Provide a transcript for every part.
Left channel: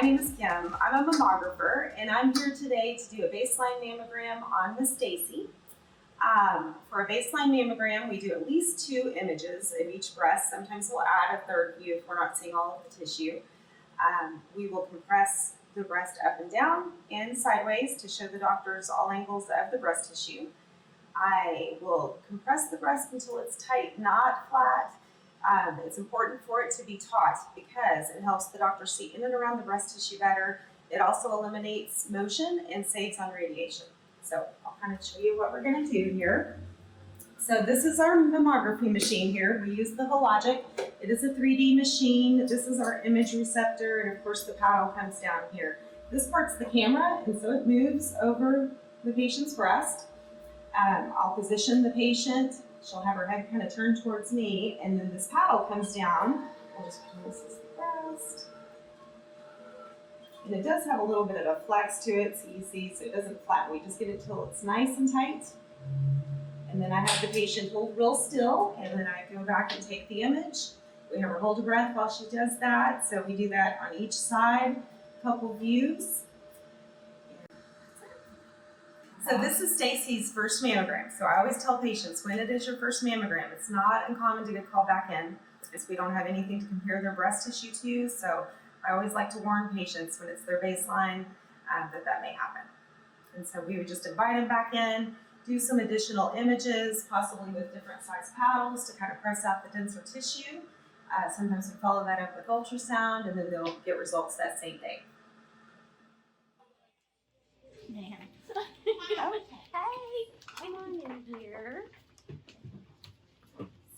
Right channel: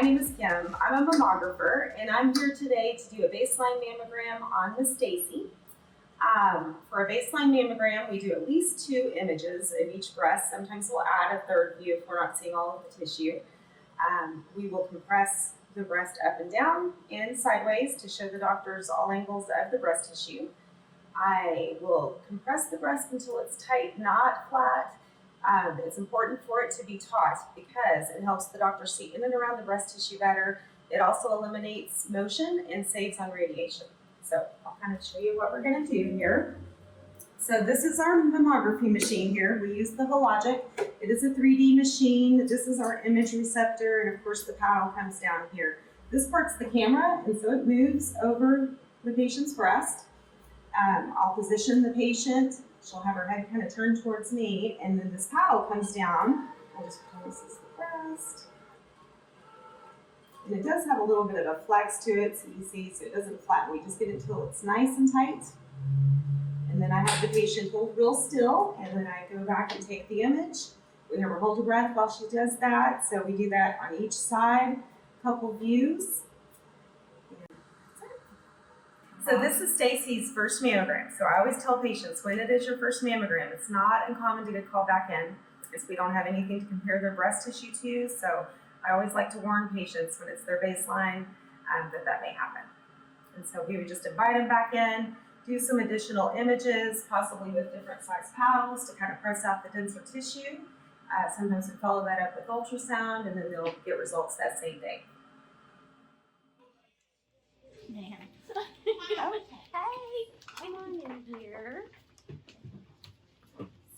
my name is Kim. I'm a mammographer, and I'm here today to do a baseline mammogram on Miss Stacy. For a baseline mammogram, we do at least 2 images of each breast. Sometimes we'll add a third view if we're not seeing all of the tissue. We will compress the breast up and down and sideways to show the doctors all angles of the breast tissue. I will compress the breast until it's tight, not flat. It's important for it to be taut because it helps the doctor see in and around the breast tissue better. It also eliminates motion and saves on radiation. So I'll kind of show you what we're going to do here. So this is our mammography machine here. We use the Hologic. It is a 3D machine. This is our image receptor, and of course the paddle comes down here. This part's the camera, and so it moves over the patient's breast. I'll position the patient. She'll have her head kind of turned towards me, and then this paddle comes down. I'll just pretend this is the breast. And it does have a little bit of a flex to it, so you see, so it doesn't flatten. We just get it till it's nice and tight. And then I have the patient hold real still, and then I go back and take the image. We have her hold her breath while she does that. So we do that on each side, a couple views. So this is Stacy's first mammogram. So I always tell patients, when it is your first mammogram, it's not uncommon to get called back in because we don't have anything to compare their breast tissue to. So I always like to warn patients when it's their baseline that may happen. And so we would just invite them back in, do some additional images, possibly with different size paddles to kind of press out the denser tissue. Sometimes we follow that up with ultrasound, and then they'll get results that same day. Man. Okay, come on in here.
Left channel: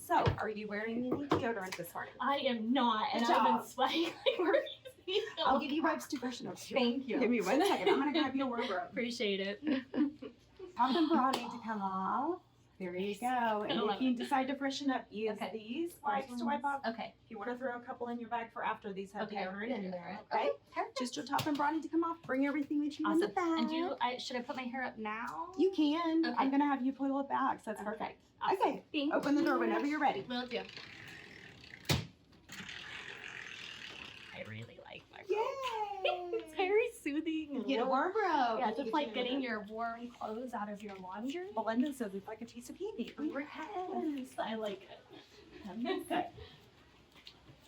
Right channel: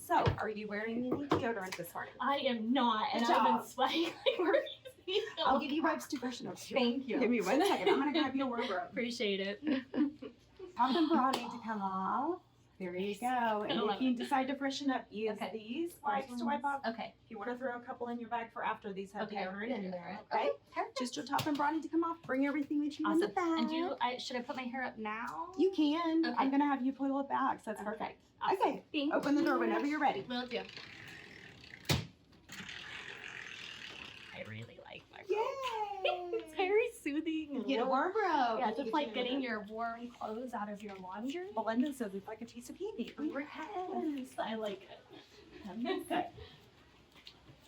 So, are you wearing any deodorant this morning? I am not, and I've been sweating like crazy. I'll give you wipes to freshen up. Thank you. Give me 1 second. I'm gonna grab you a wardrobe. Appreciate it. Top and bra need to come off. There you go. And if you decide to freshen up, use these wipes to wipe off. Okay. If you want to throw a couple in your bag for after, these have deodorant in there. Okay. Just your top and bra need to come off. Bring everything with you in the bag. And should I put my hair up now? You can. Okay. I'm gonna have you pull it back, so that's perfect. Awesome. Okay. Thank Open the door you. whenever you're ready. Will do. I really like my robe. Yay! It's very soothing. Get a wardrobe. Yeah, just like getting your warm clothes out of your laundry. Belinda says it's like a piece of candy. Yes, I like it. Okay.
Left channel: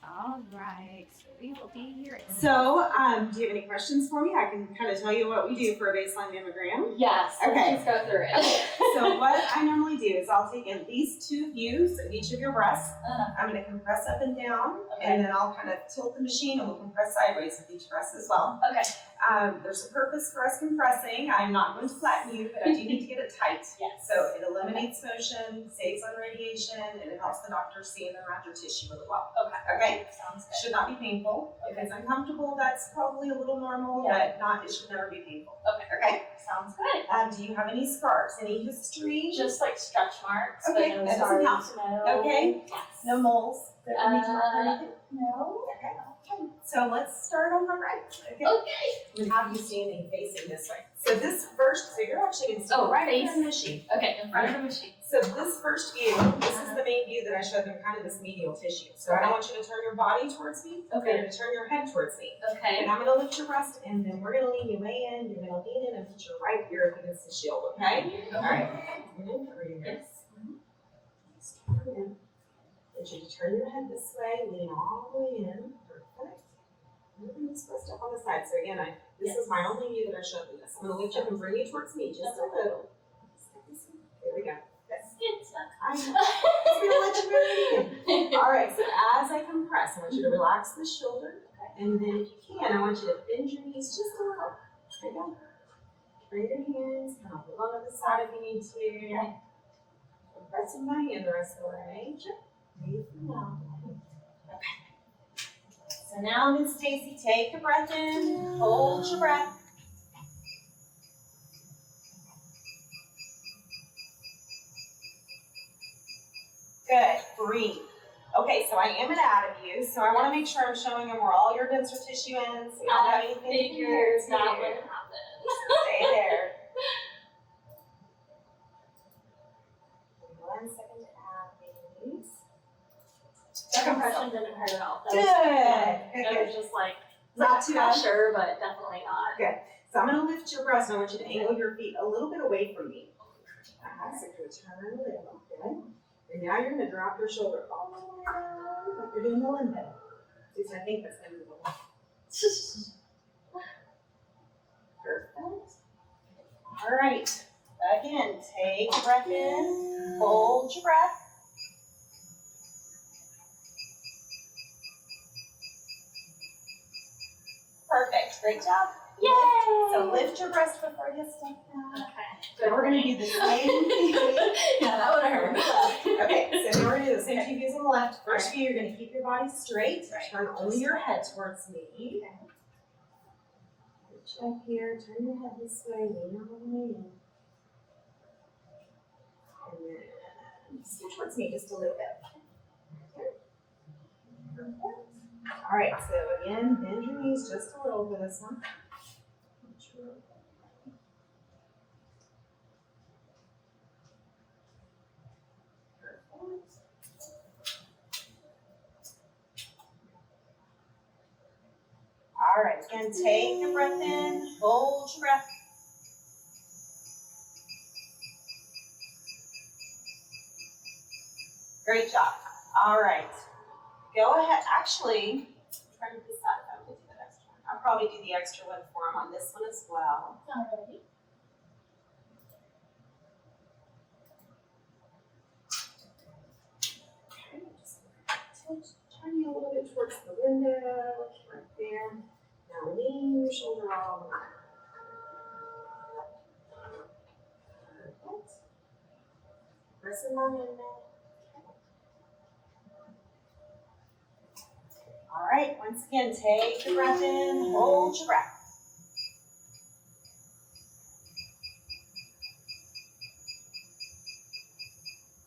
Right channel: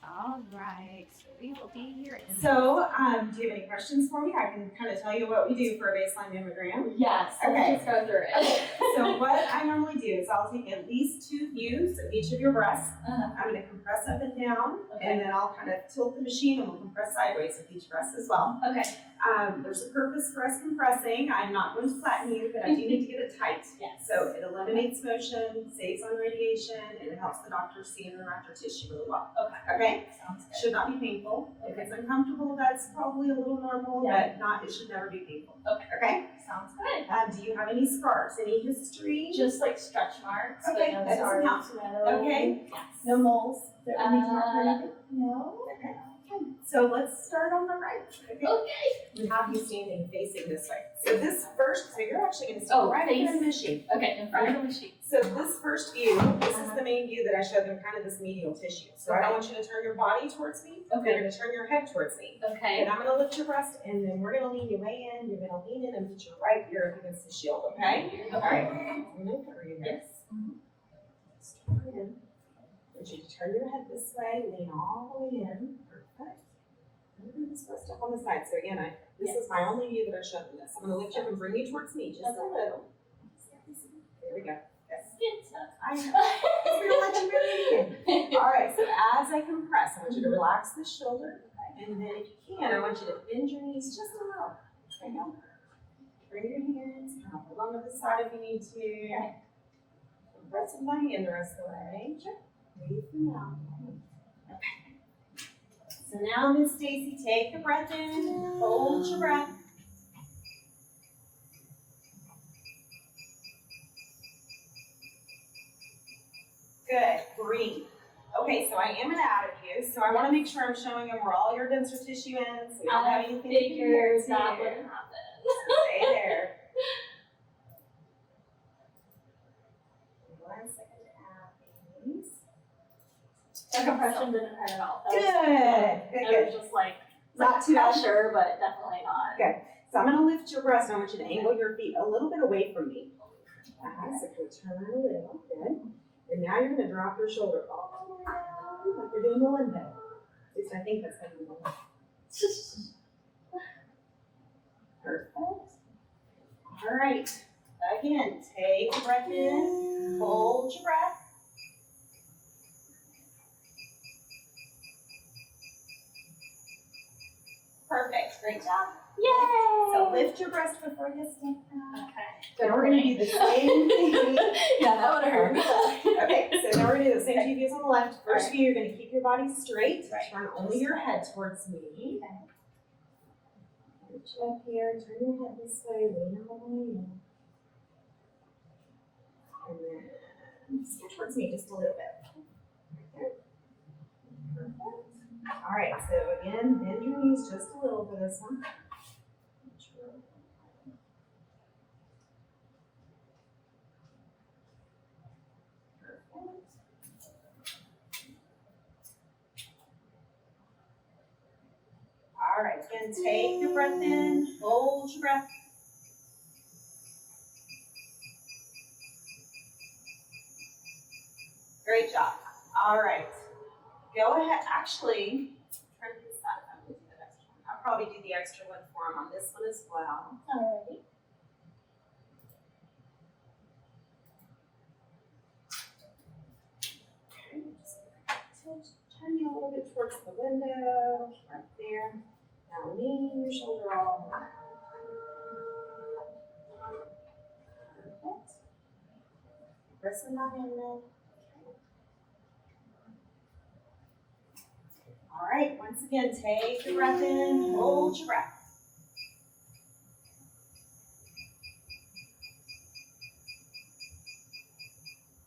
All right. So we will be here. So, do you have any questions for me? I can kind of tell you what we do for a baseline mammogram. Yes. Okay. Let's go through it. So what I normally do is I'll take at least 2 views of each of your breasts. I'm going to compress up and down, and then I'll kind of tilt the machine and we'll compress sideways with each breast as well. Okay. There's a purpose for us compressing. I'm not going to flatten you, but I do need to get it tight. Yes. So it eliminates motion, saves on radiation, and it helps the doctor see and around your tissue really well. Okay. Okay? Sounds good. Should not be painful. If it's uncomfortable, that's probably a little normal, but it should never be painful. Okay. Okay? Sounds good. Do you have any scars? Any history? Just like stretch marks. Okay, but no that doesn't scars, count. no. Okay. Yes. No moles that we need to mark or anything? No. Okay. So let's start on the right. Okay. Okay. I'm going to have you standing facing this way. So this first, so you're actually going to stand right in front of the machine. Okay, in front of the machine. So this first view, this is the main view that I showed them, kind of this medial tissue. So I don't want you to turn your body towards me. Okay. You're going to turn your head towards me. Okay. And I'm going to lift your breast, and then we're going to lean you way in. You're going to lean in and put your right ear up against the shield, okay? All right. I'm going to cover your head. Yes. Start in. I want you to turn your head this way, lean all the way in. Perfect. I'm going to this breast up on the side. So again, this is my only view that I showed you this. I'm going to lift you up and bring you towards me just a little. There we go. I'm going to let you breathe in. All right, so as I compress, I want you to relax the shoulder. And then if you can, I want you to bend your knees just a little. There you go. Bring your hands, kind of along to the side if you need to. Okay. Press my hand the rest of the way. Breathe them out. Okay. So now, Miss Stacy, take a breath in. Hold your breath. Good. Breathe. Okay, so I am it out of you, so I want to make sure I'm showing them where all your denser tissue ends. So you don't have anything figured here. that would happen. Stay there. 1 second to add these. The compression didn't hurt at all. Good. It was just like Not too bad. Pressure, but definitely not. Okay, so I'm gonna lift your breast. I want you to angle your feet a little bit away from me. So turn a little, good. And now you're gonna drop your shoulder all the way down, like you're doing the limbo. At least I think that's gonna be the one. Perfect. All right, again, take a breath in, hold your breath. Perfect, great job. Yay! So lift your breast before you step back. Okay. So we're gonna do the same thing. Yeah, that would hurt. Okay, so now we're gonna do the same two views on the left. First view, you're gonna keep your body straight. Right. Turn only your head towards me. Reach up here, turn your head this way, lean all the way in. And then scoot towards me just a little bit. Okay. Perfect. All right, so again, bend your knees just a little for this one. All right, again, take your breath in, hold your breath. Great job. All right, go ahead. Actually, try to decide if I'm going to do that extra one. I'll probably do the extra one for him on this one as well. Alrighty. Okay, just turn you a little bit towards the window, right there. Now lean your shoulder all the way. Perfect. Pressing my hand now. All right, once again, take your breath in, hold your breath.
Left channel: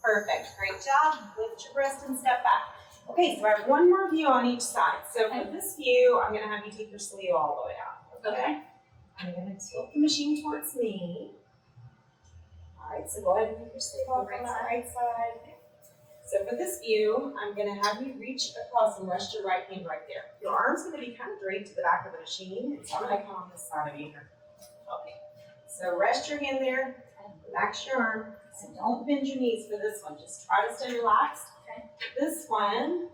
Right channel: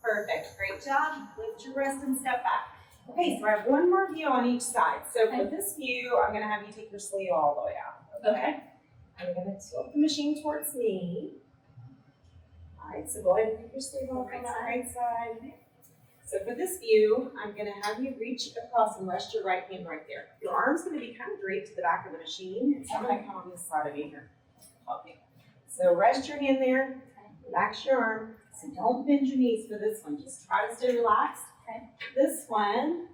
Perfect, great job. Lift your breast and step back. Okay, so I have one more view on each side. So for this view, I'm gonna have you take your sleeve all the way out, okay? I'm gonna tilt the machine towards me. All right, so go ahead and take your sleeve off on that right side. So for this view, I'm gonna have you reach across and rest your right hand right there. Your arm's gonna be kind of draped to the back of the machine. It's not gonna come on this side of you here. Okay, so rest your hand there, relax your arm. So don't bend your knees for this one, just try to stay relaxed. Okay. This one,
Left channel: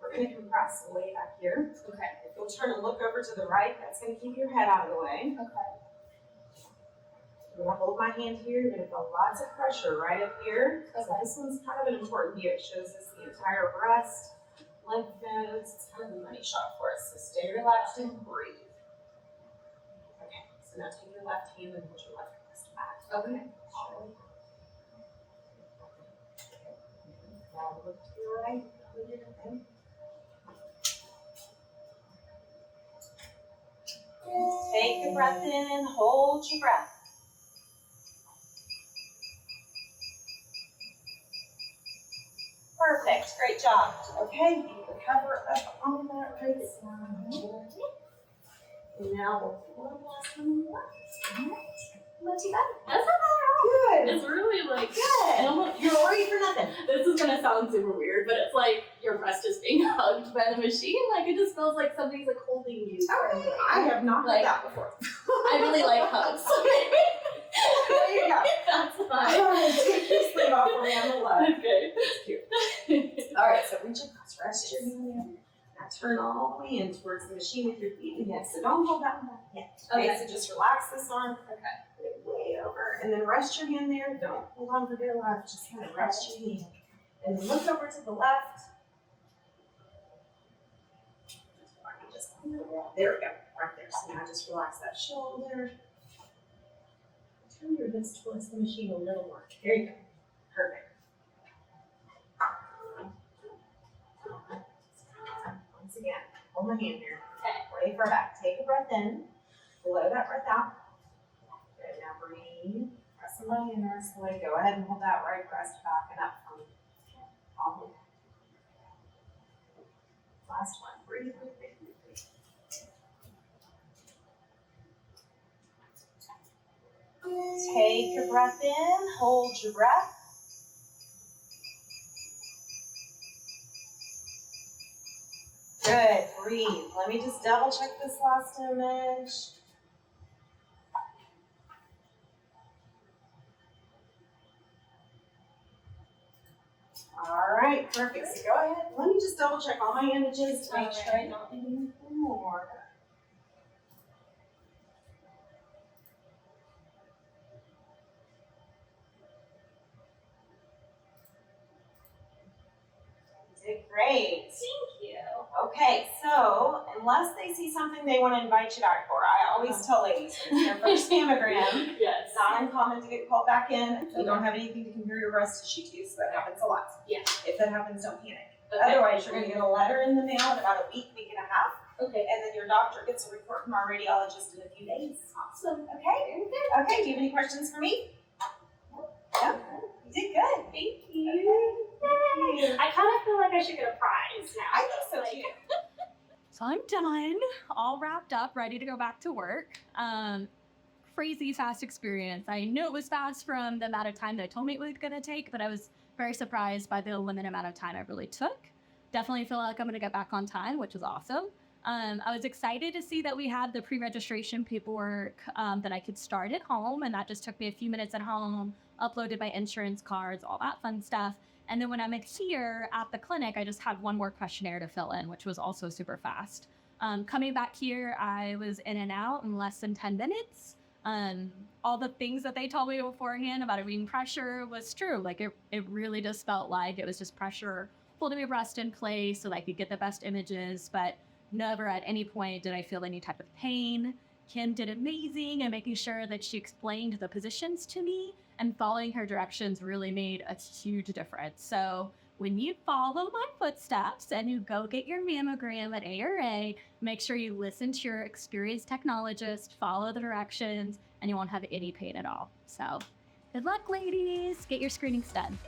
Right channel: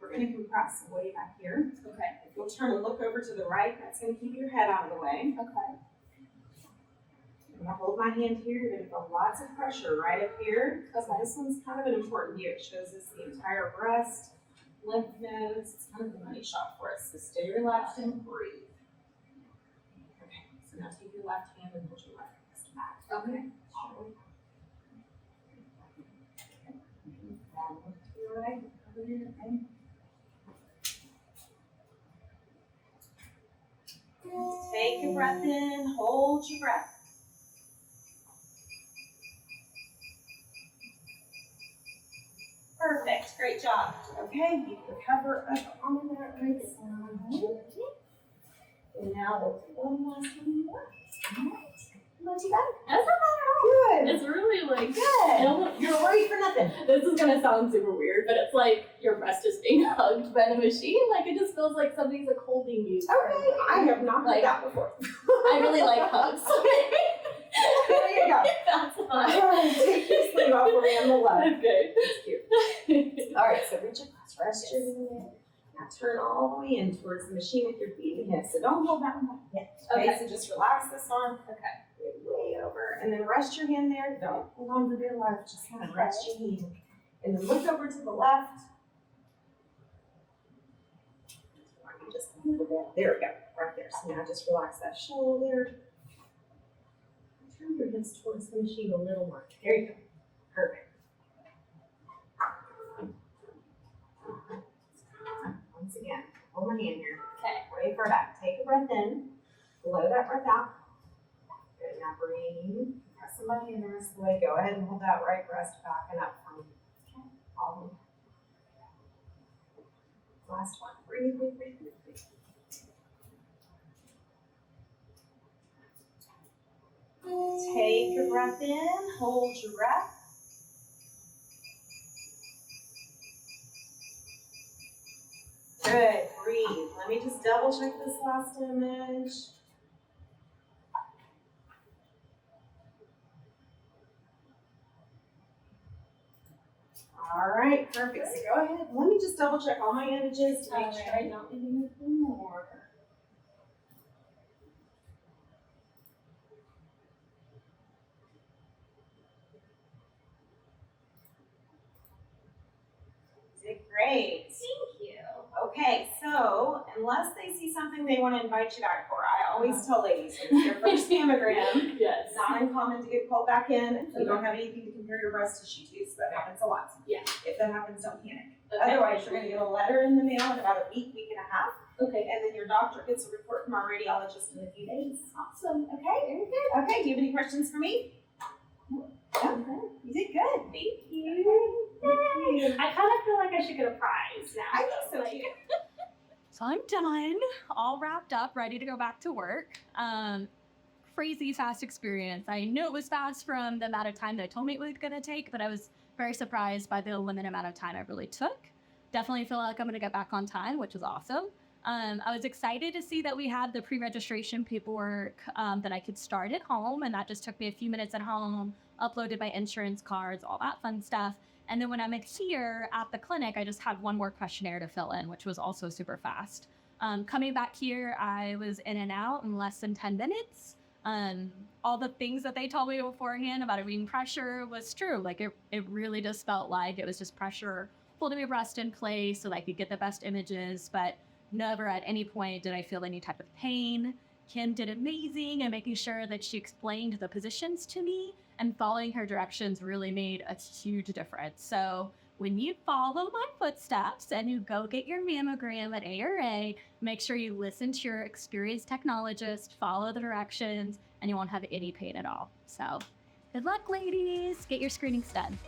we're gonna compress way back here. Okay. If you'll turn and look over to the right, that's gonna keep your head out of the way. Okay. I'm gonna hold my hand here, you're gonna feel lots of pressure right up here. So this one's kind of an important view. It shows us the entire breast, lymph nodes. It's kind of a money shot for us. So stay relaxed and breathe. Okay, so now take your left hand and hold your left wrist back. Okay. Now look to your right. Okay. Take your breath in, hold your breath. Perfect, great job. Okay, you can cover up on that right side. And now we'll do one last one. Not too bad. That's not bad at all. Good. It's really like Good. You're worried for nothing. This is gonna sound super weird, but it's like your breast is being hugged by the machine. Like it just feels like somebody's like holding you. Okay, I have not heard Like, that before. I really like hugs. There you go. That's fine. Take your sleeve off over on the left. Okay. That's cute. All right, so reach across, rest your hand there. Now turn all the way in towards the machine with your feet and hips. So don't hold that one back yet. Okay, so just relax this arm. Okay. Way over. And then rest your hand there. Don't hold on for dear life. Just kind of rest your hand. And then look over to the left. There we go. Right there. So now just relax that shoulder. Turn your hips towards the machine a little more. There you go. Perfect. Once again, hold my hand here. Okay. Way far back. Take a breath in. Blow that breath out. Good. Now breathe. Press my hand the rest of the way. Go ahead and hold that right breast back and up for me. Okay. All the way. Last one. Breathe, breathe, breathe, breathe, breathe. Take your breath in, hold your breath. Good, breathe. Let me just double check this last image. All right, perfect. So go ahead. Let me just double check all my images to make sure I don't need anything more. You did great. Thank you. Okay, so unless they see something they want to invite you back for, I always tell ladies, it's their first mammogram. Yes. It's not uncommon to get called back in if you don't have anything to compare your breast tissue to, so that happens a lot. Yeah. If that happens, don't panic. Okay. Otherwise, you're going to get a letter in the mail in about a week, week and a half, Okay. and then your doctor gets a report from our radiologist in a few days. Awesome. Okay, very good. Okay, do you have any questions for me? No? You did good. Thank you. Thank you. I kind of feel like I should get a prize now. I think so Like, too. So I'm done, all wrapped up, ready to go back to work. Crazy fast experience. I knew it was fast from the amount of time they told me it was gonna take, but I was very surprised by the limited amount of time it really took. Definitely feel like I'm gonna get back on time, which is awesome. I was excited to see that we had the pre-registration paperwork that I could start at home, and that just took me a few minutes at home, uploaded my insurance cards, all that fun stuff. And then when I'm here at the clinic, I just had one more questionnaire to fill in, which was also super fast. Coming back here, I was in and out in less than 10 minutes. All the things that they told me beforehand about it being pressure was true. Like it really just felt like it was just pressure holding my breast in place so that I could get the best images, but never at any point did I feel any type of pain. Kim did amazing and making sure that she explained the positions to me, and following her directions really made a huge difference. So when you follow my footsteps and you go get your mammogram at ARA, make sure you listen to your experienced technologist, follow the directions, and you won't have any pain at all. So good luck, ladies. Get your screenings done.